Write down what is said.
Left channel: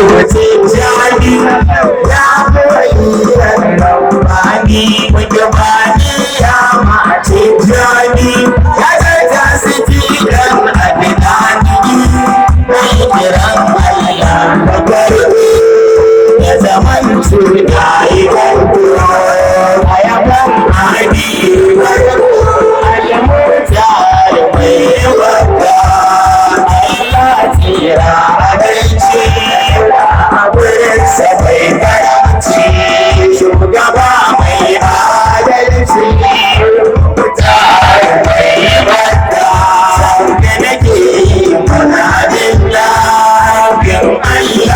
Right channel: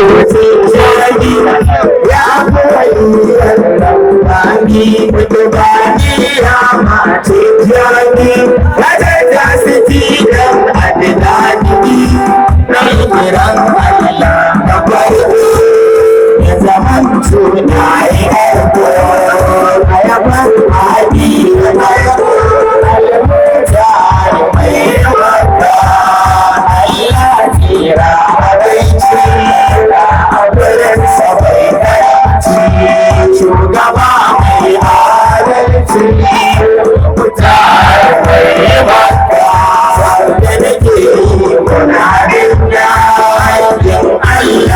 Tijjani ya koyi Rabbani Mujabani ya ma Tijjani ya ta siti dan adnani na kiran Allah na farko ya zaman tuna yi farko ayaban adi farko al-mutar mai wakka Allah tira abinci a wurin sabai karamci shugaba mai adalci mutar mai wakka sau da nake yi muna bin Allah